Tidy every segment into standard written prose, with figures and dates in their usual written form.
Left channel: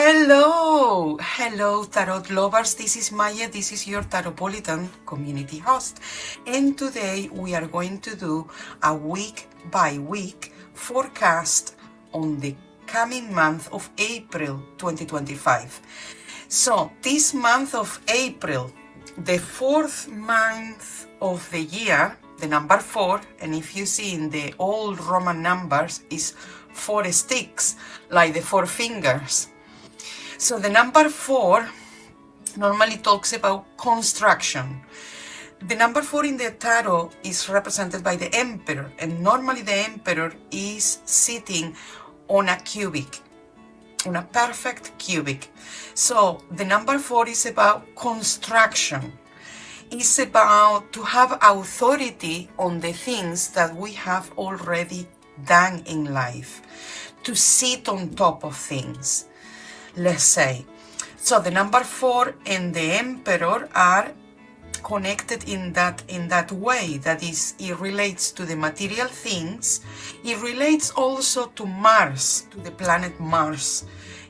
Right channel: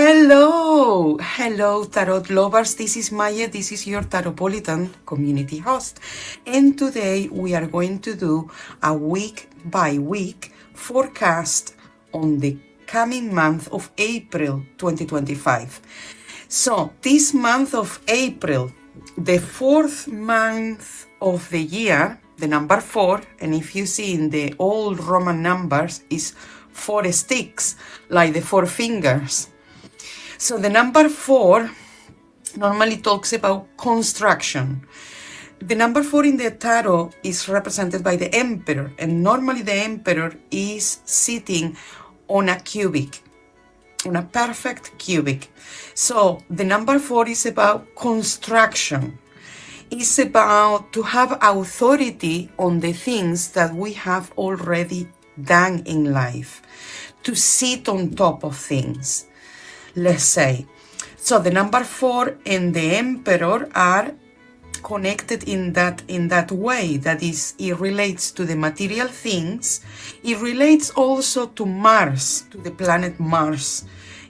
Hello tarot lovers, this is Maje, this is your Tarotpolitan community host, and today we are going to do a week by week forecast on the coming month of April 2025. So this month of April, the fourth month of the year, the number 4, and if you see in the old Roman numbers is 4 sticks, like the 4 fingers. So the number 4 normally talks about construction. The number 4 in the tarot is represented by the emperor, and normally the emperor is sitting on a cubic, on a perfect cubic. So the number 4 is about construction. It's about to have authority on the things that we have already done in life, to sit on top of things, let's say. So the number 4 and the emperor are connected in that way. That is, it relates to the material things. It relates also to Mars, to the planet Mars,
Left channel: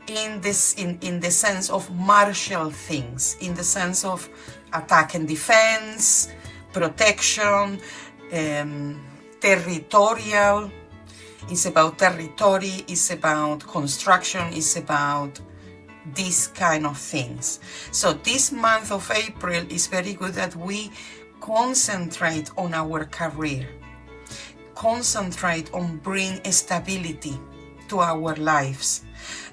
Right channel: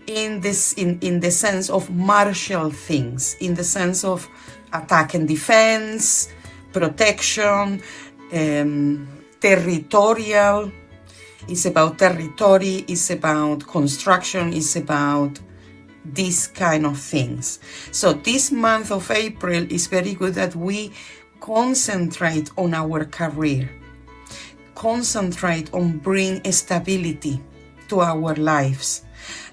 in the sense of martial things, in the sense of attack and defense, protection, territorial. It's about territory, it's about construction, it's about these kind of things. So this month of April is very good that we concentrate on our career, concentrate on bring stability to our lives.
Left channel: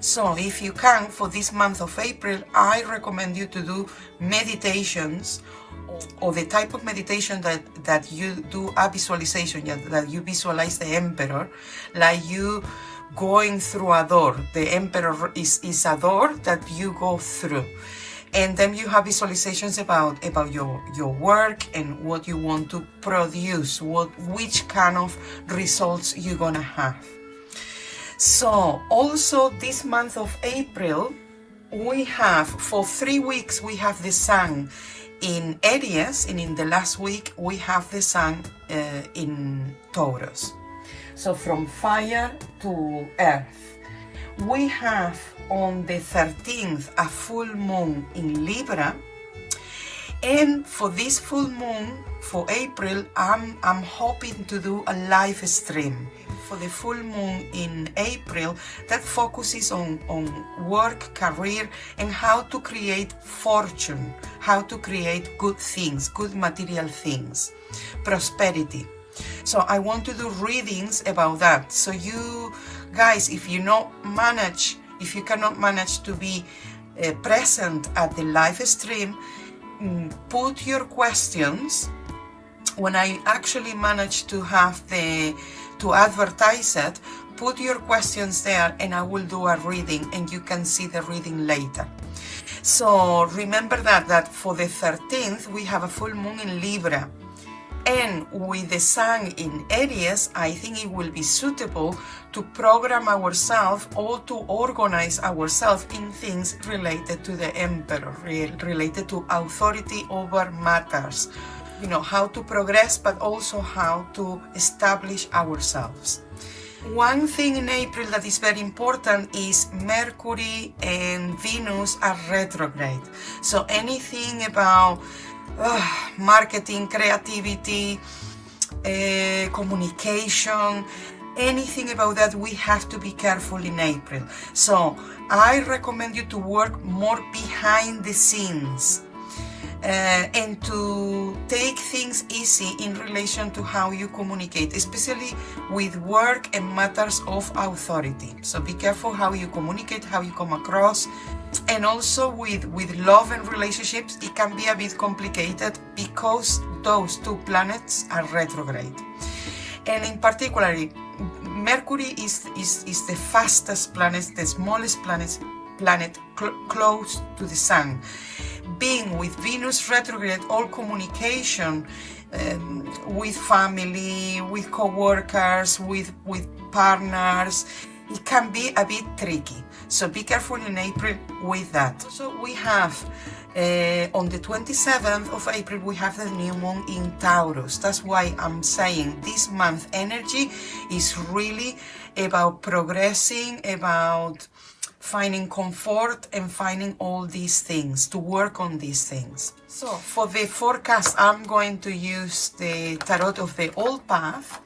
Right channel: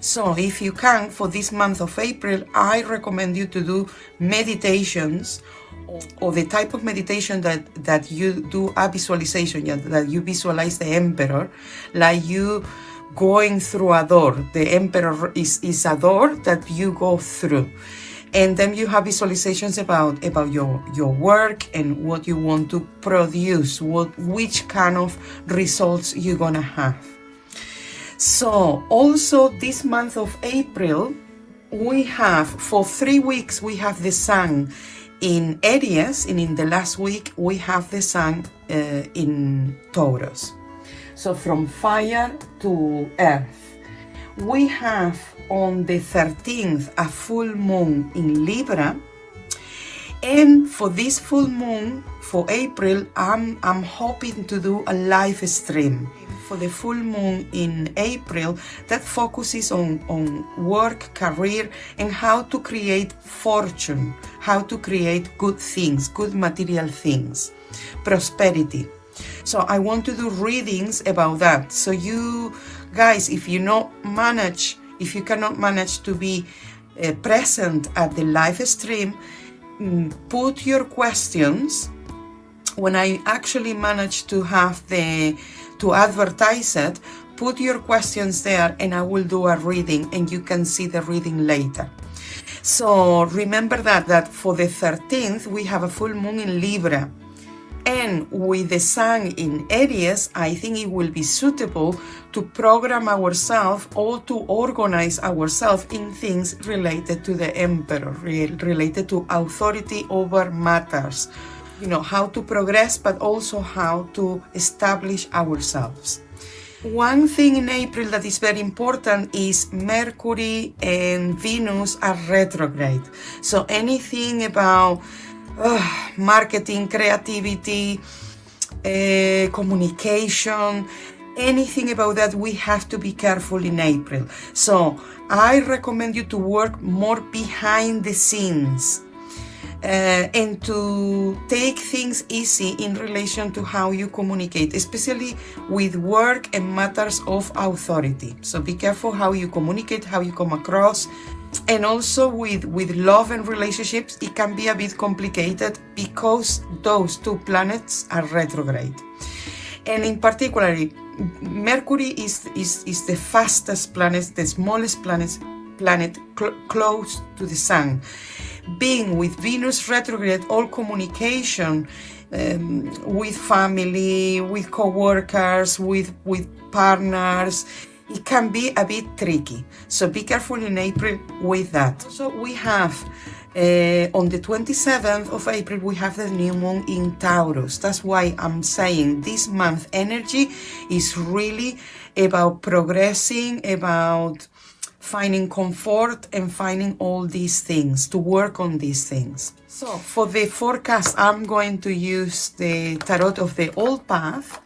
So if you can, for this month of April, I recommend you to do meditations, or the type of meditation that you do a visualization, that you visualize the emperor, like you going through a door. The emperor is a door that you go through. And then you have visualizations about your work and what you want to produce, which kind of results you're gonna have. So also this month of April, we have, for 3 weeks, we have the sun in Aries, and in the last week we have the sun in Taurus. So from fire to earth. We have on the 13th a full moon in Libra, and for this full moon for April, I'm hoping to do a live stream for the full moon in April that focuses on work, career, and how to create fortune, how to create good things, good material things, prosperity. So I want to do readings about that. So you guys, if you cannot manage to be present at the live stream, put your questions. When I actually manage to have to advertise it, put your questions there and I will do a reading and you can see the reading later. So remember that for the 13th we have a full moon in Libra, and with the sun in Aries, I think it will be suitable to program ourselves or to organize ourselves in things related to the emperor, related to authority over matters. You know, how to progress, but also how to establish ourselves. One thing in April that is very important is Mercury and Venus are retrograde. So anything about marketing, creativity, communication, anything about that, we have to be careful in April. So I recommend you to work more behind the scenes. And to take things easy in relation to how you communicate, especially with work and matters of authority. So be careful how you communicate, how you come across, and also with love and relationships, it can be a bit complicated because those 2 planets are retrograde. And in particular, Mercury is the fastest planet, the smallest planet close to the sun. Being with Venus retrograde, all communication with family, with co-workers, with partners, it can be a bit tricky. So be careful in April with that. So we have on the 27th of April, we have the new moon in Taurus. That's why I'm saying this month energy is really about progressing, about finding comfort and finding all these things, to work on these things. So for the forecast, I'm going to use the Tarot of the Old Path,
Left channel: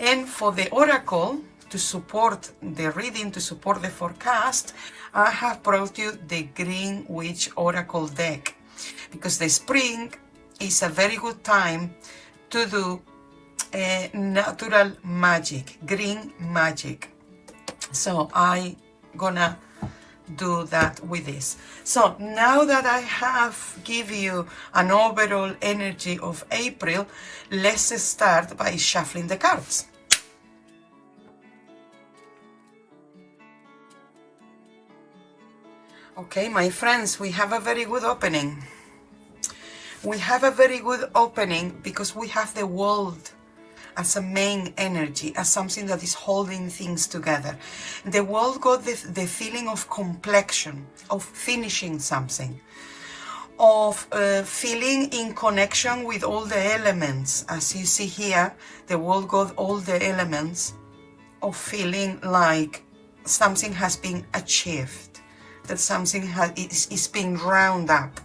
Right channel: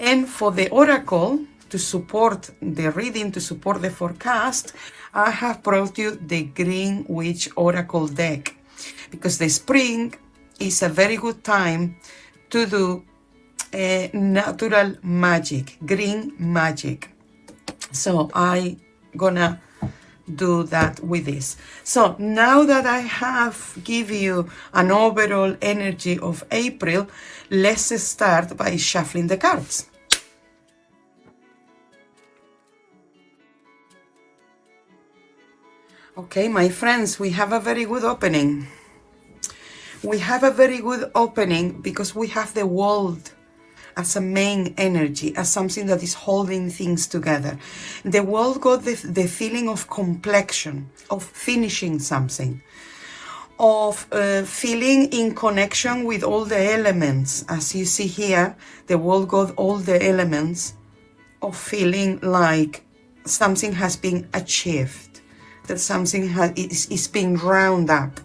and for the Oracle, to support the reading, to support the forecast, I have brought you the Green Witch Oracle deck, because the spring is a very good time to do natural magic, green magic. So I gonna do that with this. So now that I have give you an overall energy of April, let's start by shuffling the cards. Okay, my friends, we have a very good opening. We have a very good opening because we have the world as a main energy, as something that is holding things together. The world got the feeling of completion, of finishing something, of feeling in connection with all the elements. As you see here, the world got all the elements of feeling like something has been achieved, that something is being round up.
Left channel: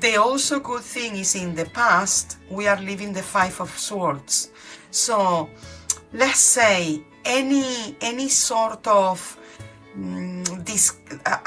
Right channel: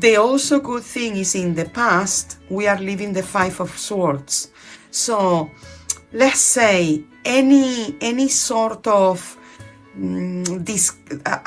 The also good thing is in the past, we are living the Five of Swords. So let's say any sort of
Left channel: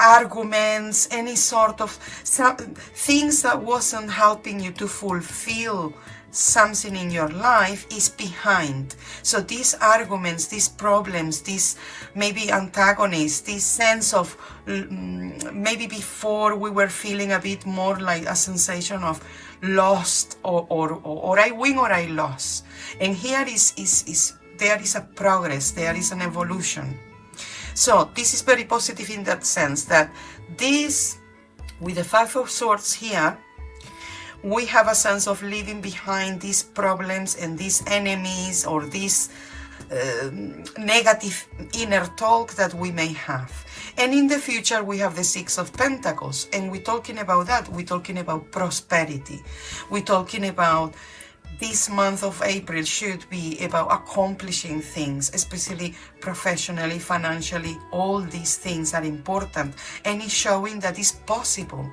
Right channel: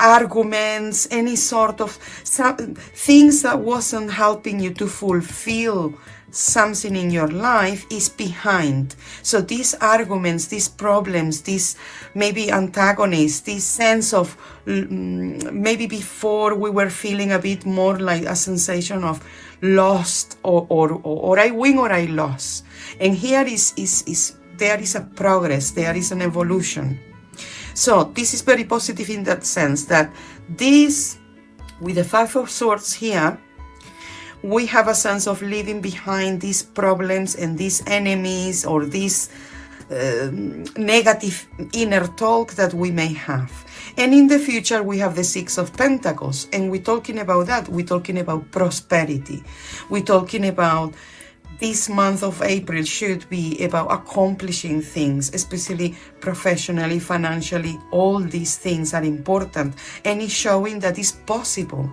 arguments, any sort of things that wasn't helping you to fulfill something in your life is behind. So these arguments, these problems, these maybe antagonists, this sense of maybe before we were feeling a bit more like a sensation of lost or I win or I lost. And here there is a progress, there is an evolution. So this is very positive in that sense, that this, with the Five of Swords here, we have a sense of leaving behind these problems and these enemies or these negative inner talk that we may have. And in the future, we have the Six of Pentacles. And we're talking about that. We're talking about prosperity. We're talking about this month of April should be about accomplishing things, especially professionally, financially. All these things are important. And it's showing that it's possible.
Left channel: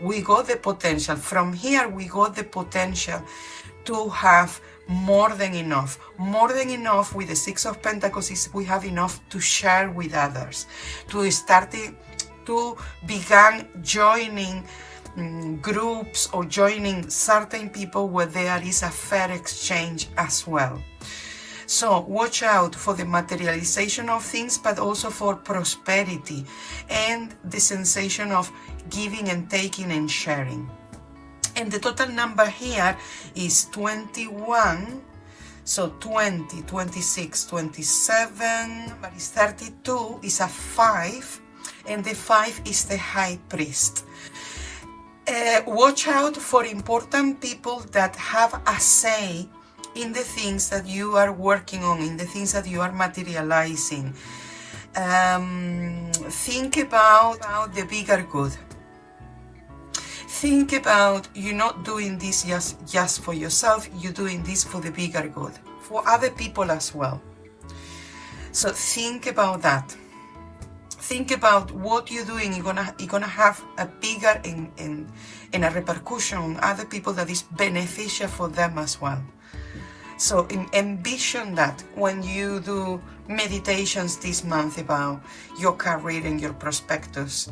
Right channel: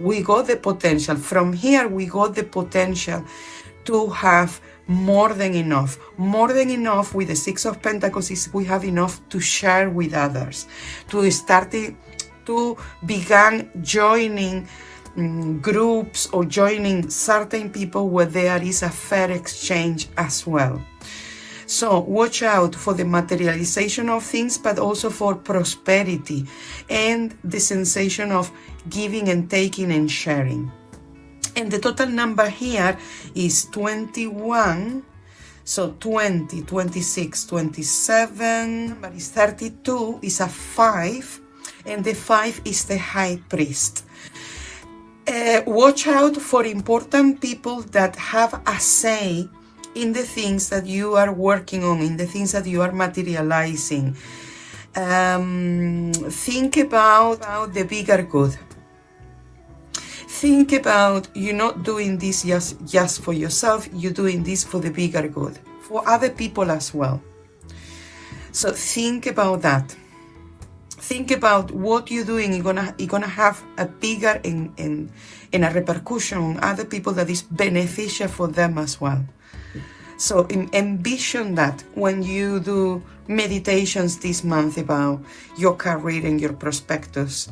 We got the potential. From here, we got the potential to have more than enough. More than enough with the Six of Pentacles is we have enough to share with others, to start to begin joining groups or joining certain people where there is a fair exchange as well. So watch out for the materialization of things, but also for prosperity and the sensation of giving and taking and sharing. And the total number here is 21. So 20, 26, 27, but it's 32 is a 5. And the 5 is the High Priest. Watch out for important people that have a say in the things that you are working on, in the things that you are materializing. Think about the bigger good. Think about you're not doing this just for yourself, you're doing this for the bigger good, for other people as well. So think about that. Think about what you're doing. You're gonna have a bigger and a repercussion on other people that is beneficial for them as well. So envision that when you do meditations this month about your career and your prospectus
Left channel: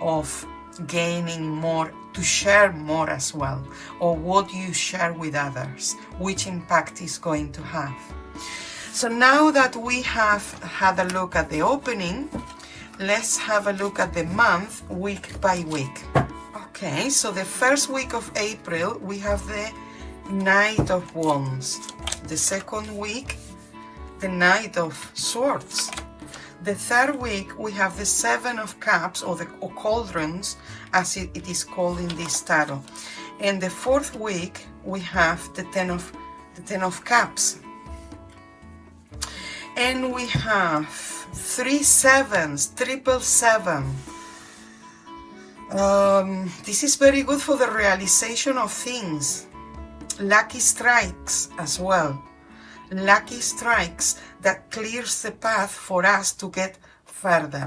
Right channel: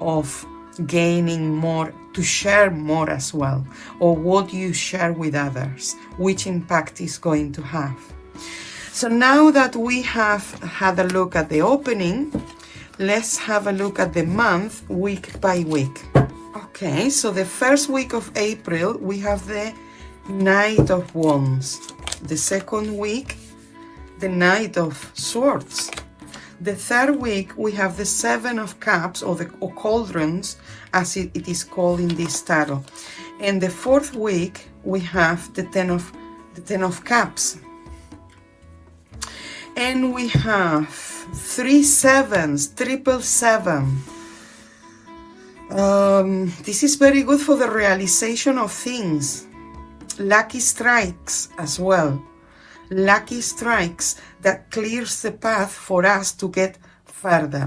of gaining more, to share more as well, or what you share with others, which impact is going to have. So now that we have had a look at the opening, let's have a look at the month week by week. Okay, so the first week of April, we have the Knight of Wands. The second week, the Knight of Swords. The third week, we have the Seven of Cups, or the Cauldrons, as it is called in this tarot. And the fourth week, we have the Ten of Cups. And we have 3 sevens, 777. This is very good for the realization of things. Lucky strikes as well. Lucky strikes that clears the path for us to get further.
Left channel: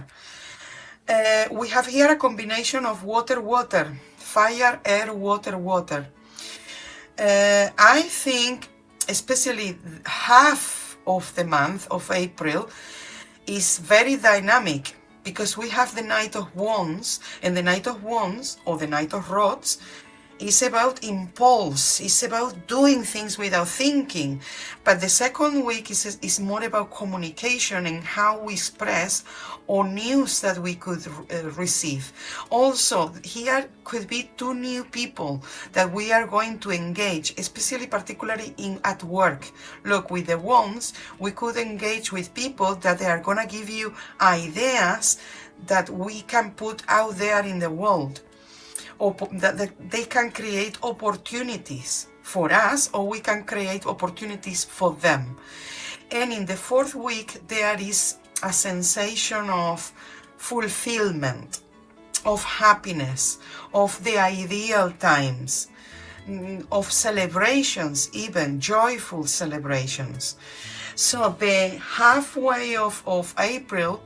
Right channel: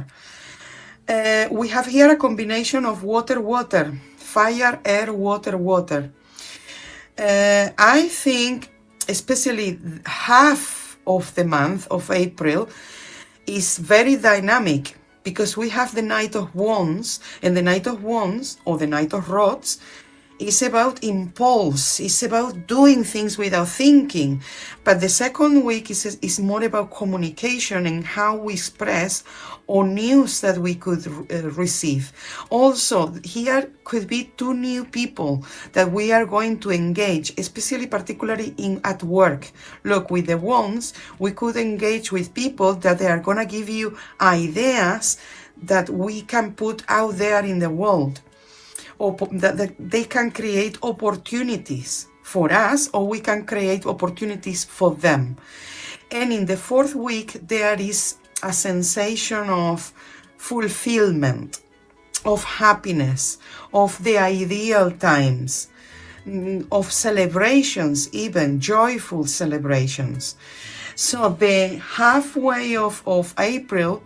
We have here a combination of water, water, fire, air, water, water. I think especially half of the month of April is very dynamic, because we have the Knight of Wands, and the Knight of Wands, or the Knight of Rods, is about impulse, it's about doing things without thinking. But the second week is more about communication and how we express or news that we could receive. Also, here could be two new people that we are going to engage, especially particularly at work. Look, with the wands, we could engage with people that they are going to give you ideas that we can put out there in the world, or that they can create opportunities for us, or we can create opportunities for them. And in the fourth week, there is a sensation of fulfillment, of happiness, of the ideal times, of celebrations, even joyful celebrations. So the halfway of April,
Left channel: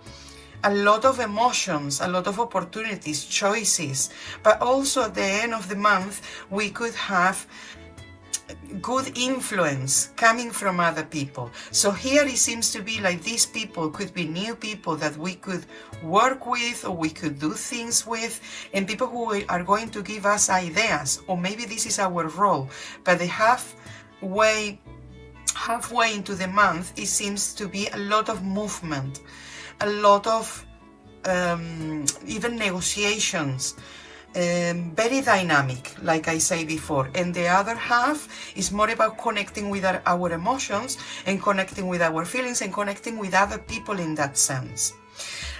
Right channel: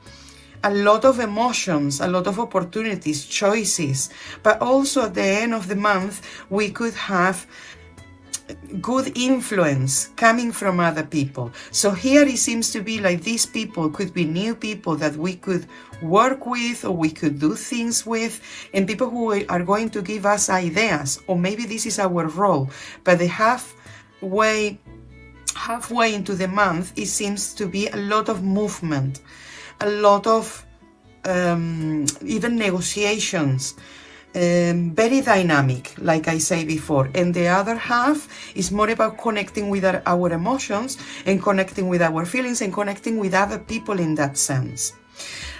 a lot of emotions, a lot of opportunities, choices, but also at the end of the month, we could have good influence coming from other people. So here it seems to be like these people could be new people that we could work with, or we could do things with, and people who are going to give us ideas, or maybe this is our role. But the halfway into the month, it seems to be a lot of movement, a lot of even negotiations, very dynamic, like I say before. And the other half is more about connecting with our emotions, and connecting with our feelings, and connecting with other people in that sense.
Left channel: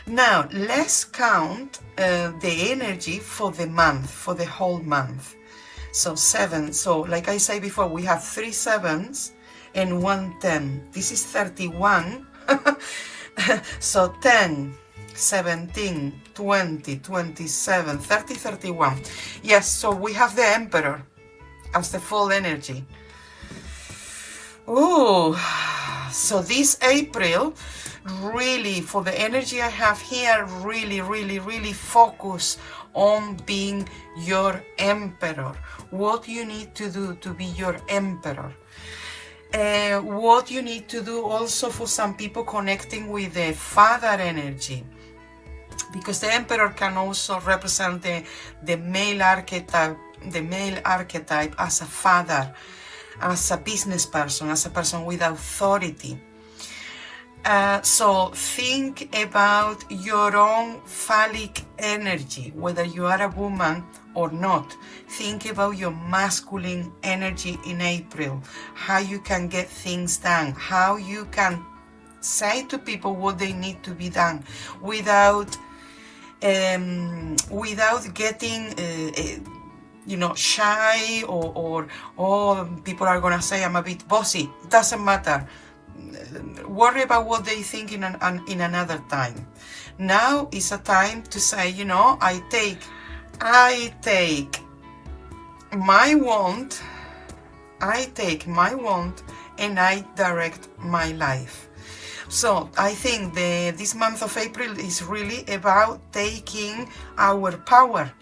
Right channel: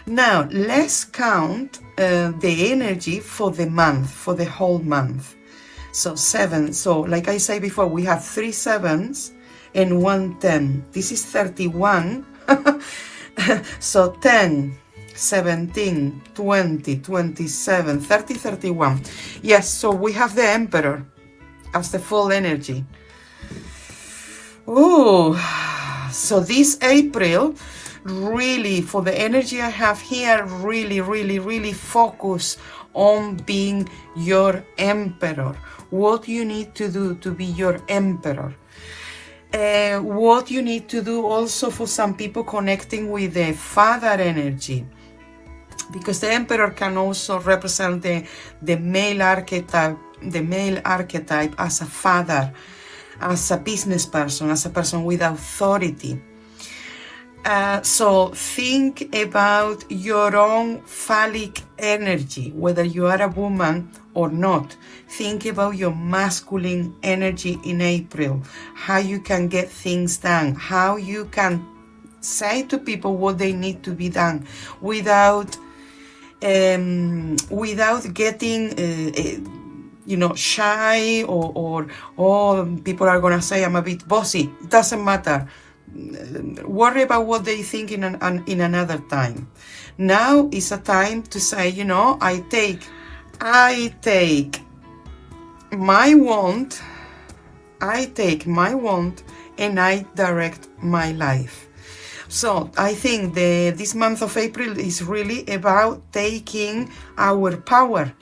Now, let's count the energy for the month, for the whole month. So 7, so like I say before, we have 3 7s and 1 10. This is 31. So 10, 17, 20, 27, 30, 31. Yes, so we have the Emperor as the full energy. Ooh, so this April, really, for the energy I have here, really focus on being your Emperor. What you need to do to be your Emperor. What you need to do also for some people connecting with the Father energy, because the Emperor can also represent the male archetype, as a father, as a business person, as a person with authority. So think about your own phallic energy, whether you are a woman or not. Think about your masculine energy in April, how you can get things done, how you can say to people what they need to be done without getting shy, or people are gonna say I'm a bit bossy. It doesn't matter. Worry about what they think in another time. Now is a time to say, I take my wand, and I direct my life. So I think this month of April is really about taking our power,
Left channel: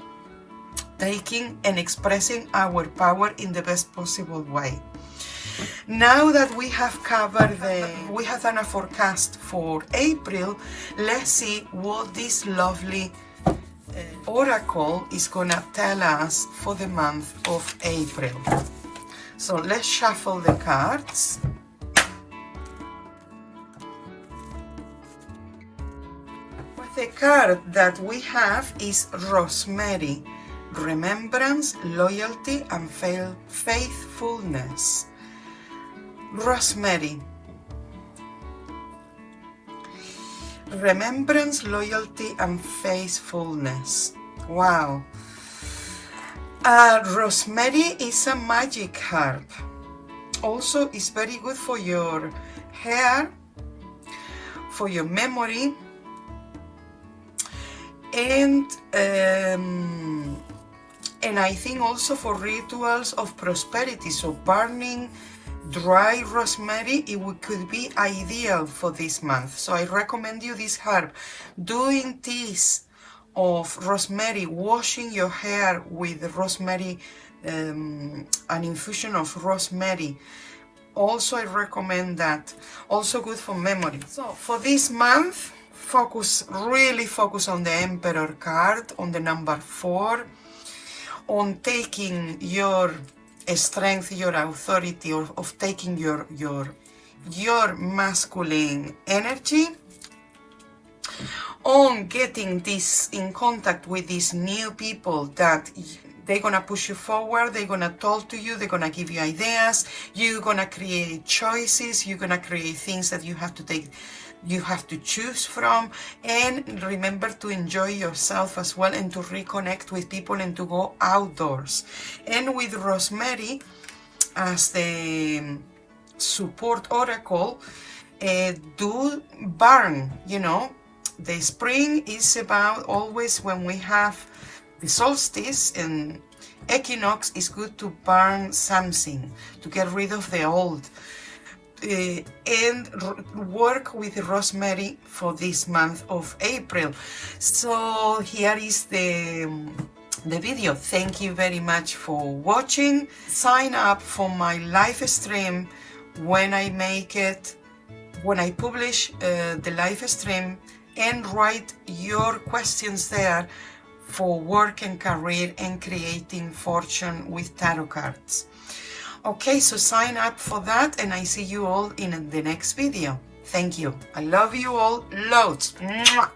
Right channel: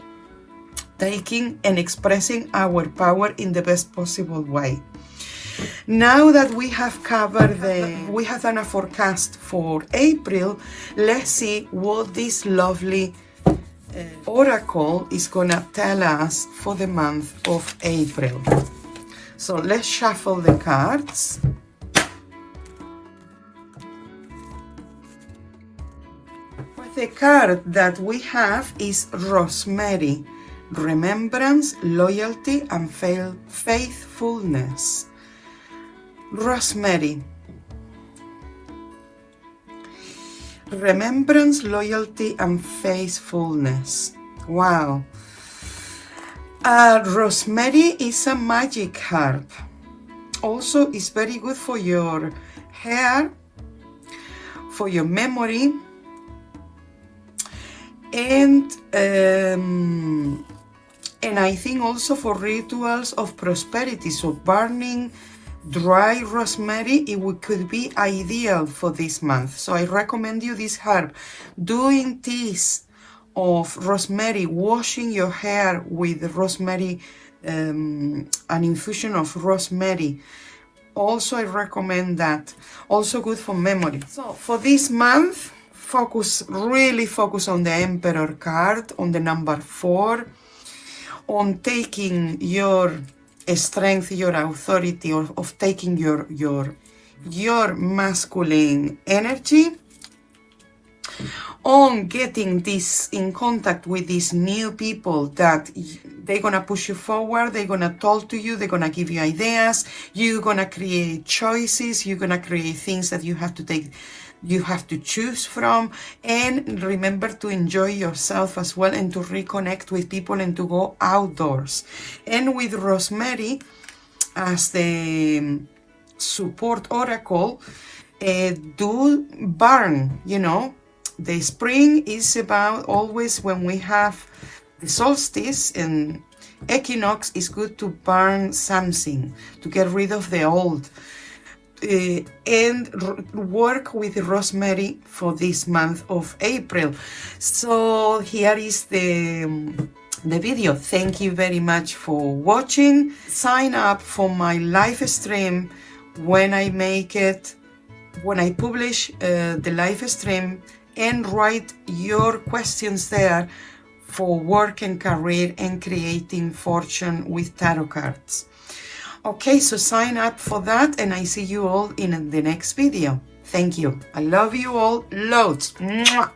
taking and expressing our power in the best possible way. Now that we have covered we have done a forecast for April, let's see what this lovely oracle is gonna tell us for the month of April. So let's shuffle the cards. The card that we have is Rosemary, remembrance, loyalty, and faithfulness. Rosemary, remembrance, loyalty, and faithfulness. Wow. Rosemary is a magic herb. Also, it's very good for your hair, for your memory, and I think also for rituals of prosperity. So burning dry rosemary, could be ideal for this month. So I recommend you this herb. Doing teas of rosemary, washing your hair with rosemary, an infusion of rosemary. Also, I recommend that. Also good for memory. So for this month, really focus on the Emperor card, on the number 4, on taking your strength, your authority, or of taking your masculine energy, on getting this in contact with these new people that they're gonna push you forward, they're gonna talk to you, they're gonna give you ideas, you're gonna create choices, you're gonna create things that you have to choose from. And remember to enjoy yourself as well, and to reconnect with people, and to go outdoors. And with rosemary as the support oracle, do burn, you know. The spring is about always when we have the solstice and equinox, is good to burn something, to get rid of the old. And work with rosemary for this month of April. So here is the video. Thank you very much for watching. Sign up for my live stream when I make it, when I publish the live stream, and write your questions there for work and career and creating fortune with tarot cards. Okay, so sign up for that, and I see you all in the next video. Thank you. I love you all loads. Mwah.